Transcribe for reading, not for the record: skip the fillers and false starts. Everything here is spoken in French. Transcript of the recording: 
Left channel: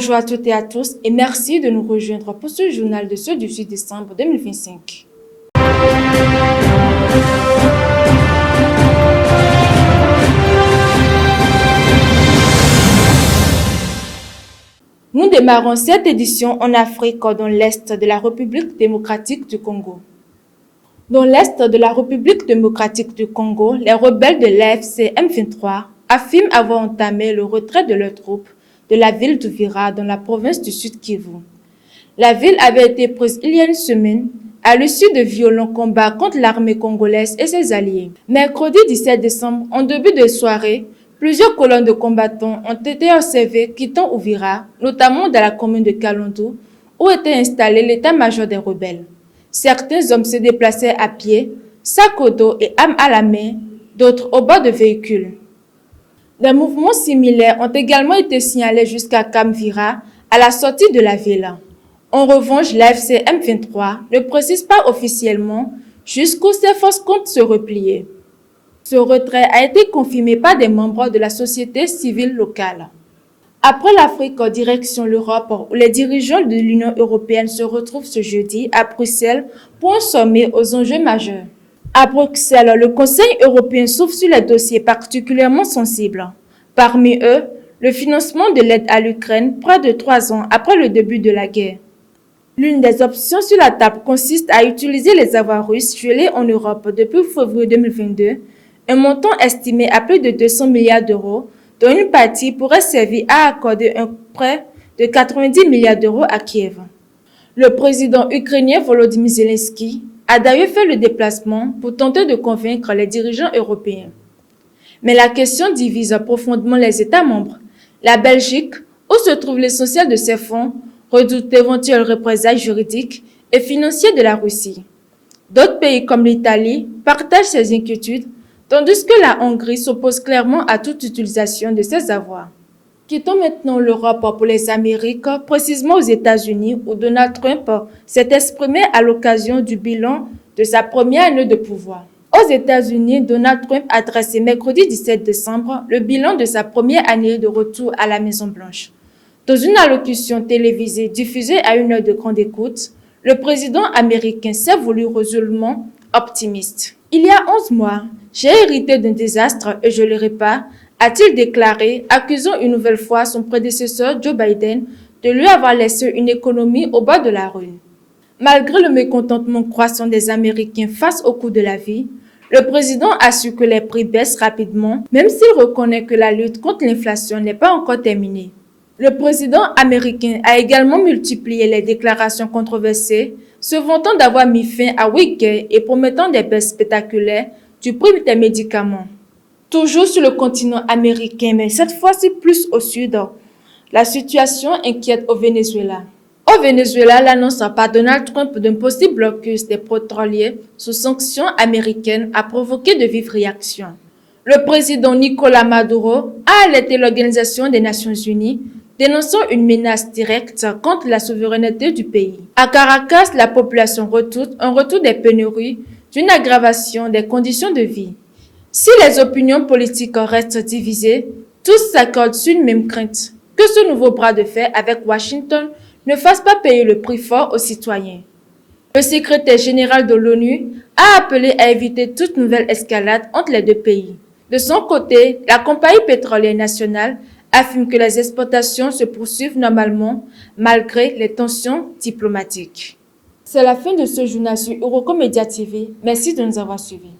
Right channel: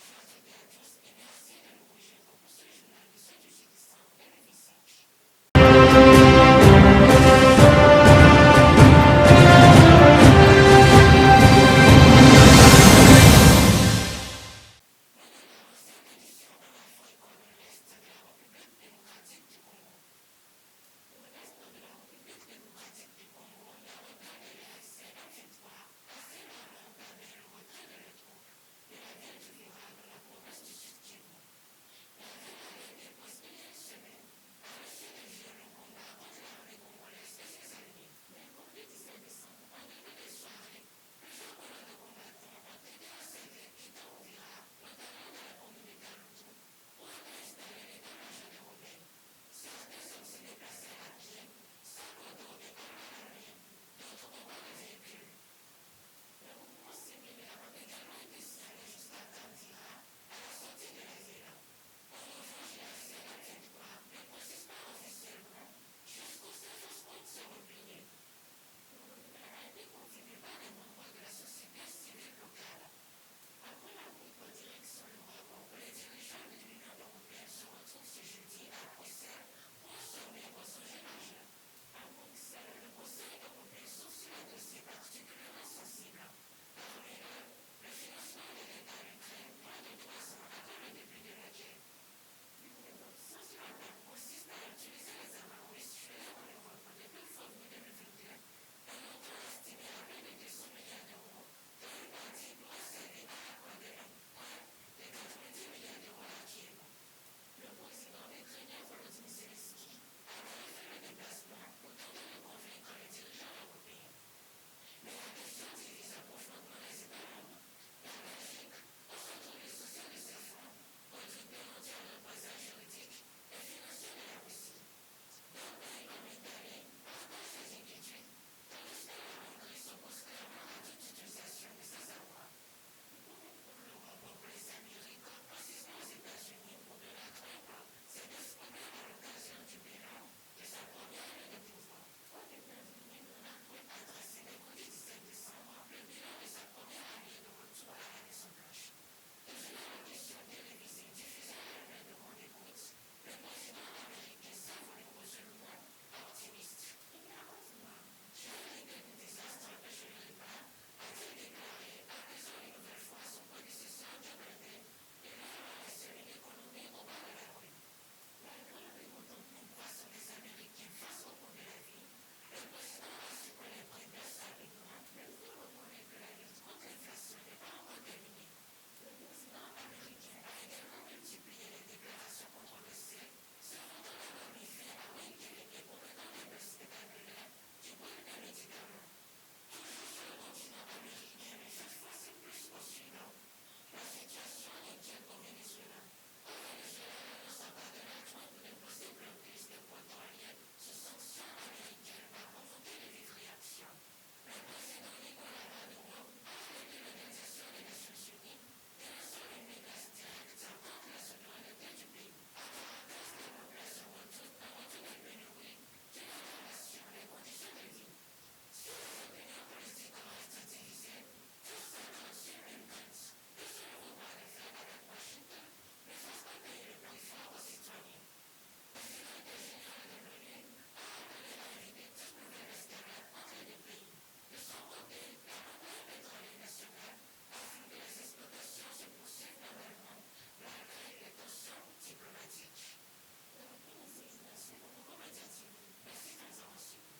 Bonjour à toutes et à tous et merci de nous rejoindre pour ce journal de ce 18 décembre 2025. Nous démarrons cette édition en Afrique, dans l'Est de la République démocratique du Congo. Dans l'Est de la République démocratique du Congo, les rebelles de l'AFC M23 affirment avoir entamé le retrait de leurs troupes de la ville d'Uvira dans la province du Sud Kivu. La ville avait été prise il y a une semaine à l'issue de violents combats contre l'armée congolaise et ses alliés. Mercredi 17 décembre, en début de soirée, plusieurs colonnes de combattants ont été observées quittant Uvira, notamment dans la commune de Kalondu, où était installé l'état-major des rebelles. Certains hommes se déplaçaient à pied, sac au dos et armes à la main, d'autres au bord de véhicules. Des mouvements similaires ont également été signalés jusqu'à Kamvira, à la sortie de la ville. En revanche, l'AFC M23 ne précise pas officiellement jusqu'où ses forces comptent se replier. Ce retrait a été confirmé par des membres de la société civile locale. Après l'Afrique, direction l'Europe, où les dirigeants de l'Union européenne se retrouvent ce jeudi à Bruxelles pour un sommet aux enjeux majeurs. À Bruxelles, le Conseil européen s'ouvre sur les dossiers particulièrement sensibles. Parmi eux, le financement de l'aide à l'Ukraine près de 3 ans après le début de la guerre. L'une des options sur la table consiste à utiliser les avoirs russes gelés en Europe depuis février 2022, un montant estimé à plus de 200 milliards d'euros, dont une partie pourrait servir à accorder un prêt de 90 milliards d'euros à Kiev. Le président ukrainien Volodymyr Zelensky a d'ailleurs fait le déplacement pour tenter de convaincre les dirigeants européens. Mais la question divise profondément les États membres. La Belgique, où se trouve l'essentiel de ces fonds, redoute d'éventuelles représailles juridiques et financières de la Russie. D'autres pays comme l'Italie partagent ces inquiétudes, tandis que la Hongrie s'oppose clairement à toute utilisation de ces avoirs. Quittons maintenant l'Europe pour les Amériques, précisément aux États-Unis, où Donald Trump s'est exprimé à l'occasion du bilan de sa première année de pouvoir. Aux États-Unis, Donald Trump a dressé mercredi 17 décembre le bilan de sa première année de retour à la Maison-Blanche. Dans une allocution télévisée diffusée à une heure de grande écoute, le président américain s'est voulu résolument optimiste. Il y a 11 mois, j'ai hérité d'un désastre et je le répare, a-t-il déclaré, accusant une nouvelle fois son prédécesseur Joe Biden de lui avoir laissé une économie au bord de la rue. Malgré le mécontentement croissant des Américains face au coût de la vie, le président a su que les prix baissent rapidement, même s'il reconnaît que la lutte contre l'inflation n'est pas encore terminée. Le président américain a également multiplié les déclarations controversées, se vantant d'avoir mis fin à 8 guerres et promettant des baisses spectaculaires du prix des médicaments. Toujours sur le continent américain, mais cette fois-ci plus au sud, la situation inquiète au Venezuela. Au Venezuela, l'annonce par Donald Trump d'un possible blocus des pétroliers sous sanctions américaines a provoqué de vives réactions. Le président Nicolás Maduro a alerté l'Organisation des Nations Unies, dénonçant une menace directe contre la souveraineté du pays. À Caracas, la population redoute un retour des pénuries, d'une aggravation des conditions de vie. Si les opinions politiques restent divisées, tous s'accordent sur une même crainte, que ce nouveau bras de fer avec Washington ne fasse pas payer le prix fort aux citoyens. Le secrétaire général de l'ONU a appelé à éviter toute nouvelle escalade entre les deux pays. De son côté, la compagnie pétrolière nationale affirme que les exportations se poursuivent normalement malgré les tensions diplomatiques. C'est la fin de ce journal sur Eurocomédia TV. Merci de nous avoir suivis.